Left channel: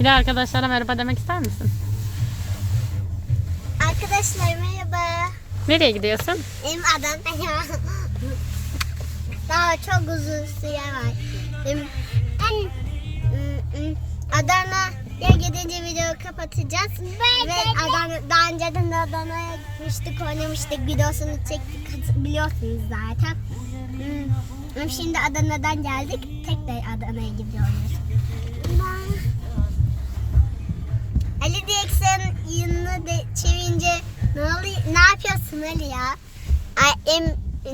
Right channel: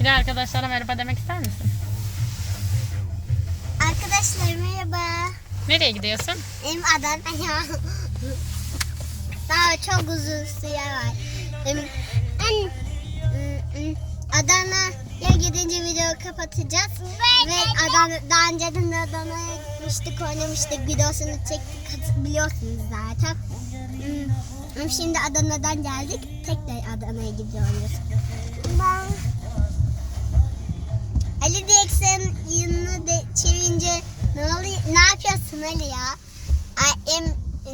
Bir de arkadaşlara merhaba demek ister misin? Arkadaşlar merhaba. Nereye gidiyorsun? Benim Adana Daha çok uzun süre var. Benim en ım, ım, Adana'ya gidince video kapatacağız. Ve Adana, daha önceden de Adana'ya gitmiştik, oynamıştık. Videosunu çektik biliyorsunuz zaten. Şimdi Adana'dan geldik. Tekrar Adana'ya gidiyoruz. Ne oluyor? Ne yapıyorsun Ali ya? Ay, em,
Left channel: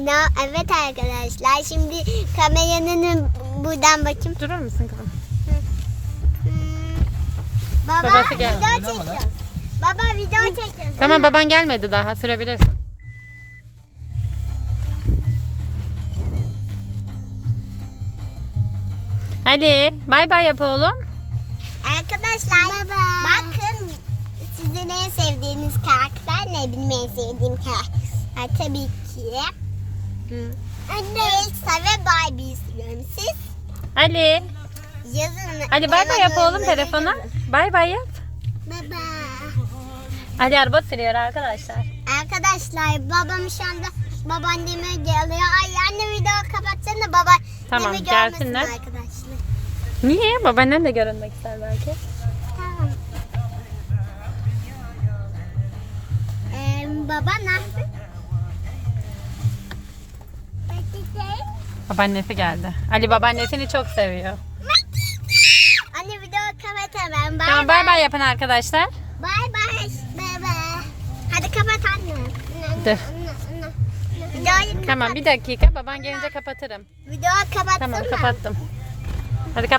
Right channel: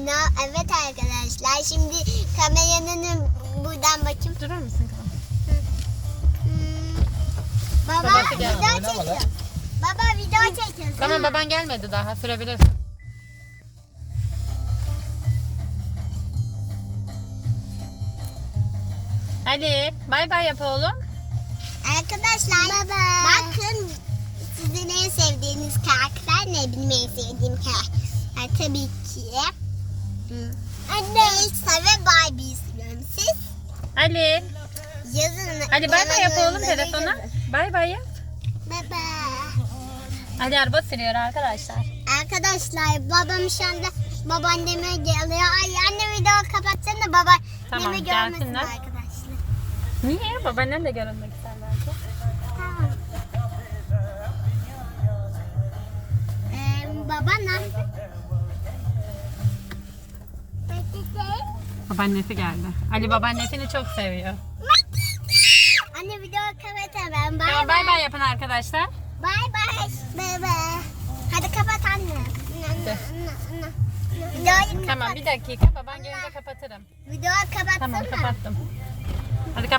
na- evet arkadaşlar şimdi kameranın buradan bakayım. Durur musun kızım? Hmm, Baba Babası geldi. video çekiyor. Baba video çekiyor. Tamam baban gelmedi daha sürebilirsin. Hadi bay bay yap oğlum. Arkadaşlar bakın sizin en sevdiğiniz karakter ne benim en sevdiğim karakter tabii ki Anne. Elsa ve Barbie istiyorum siz Ali. yazın Ali bay bay yap oğlum telefona. Bay bay yap. Baba Ali araba sürüyor arkadaşlar. Arkadaşlar babam şu anda babaanneme geliyor. Ay anne video kapatsana baba. Tamam, görmesin gelsinler. arkadaşlar. Niye? Babaannen de görünmek ister belki. Tamam. Baba ne yaptın? Babaannesi geldi. Ali babaannesini çok seviyor. Anne video kapat hemen. Bay Tamam bay bay yapın arkadaşlar. Bay bay. Baba. Hadi kapat anne. Dur. Videoyu Tamam bir dakika baban gelince kapatırım. Video kapatsana. Tamam kapattım. Hadi kapat.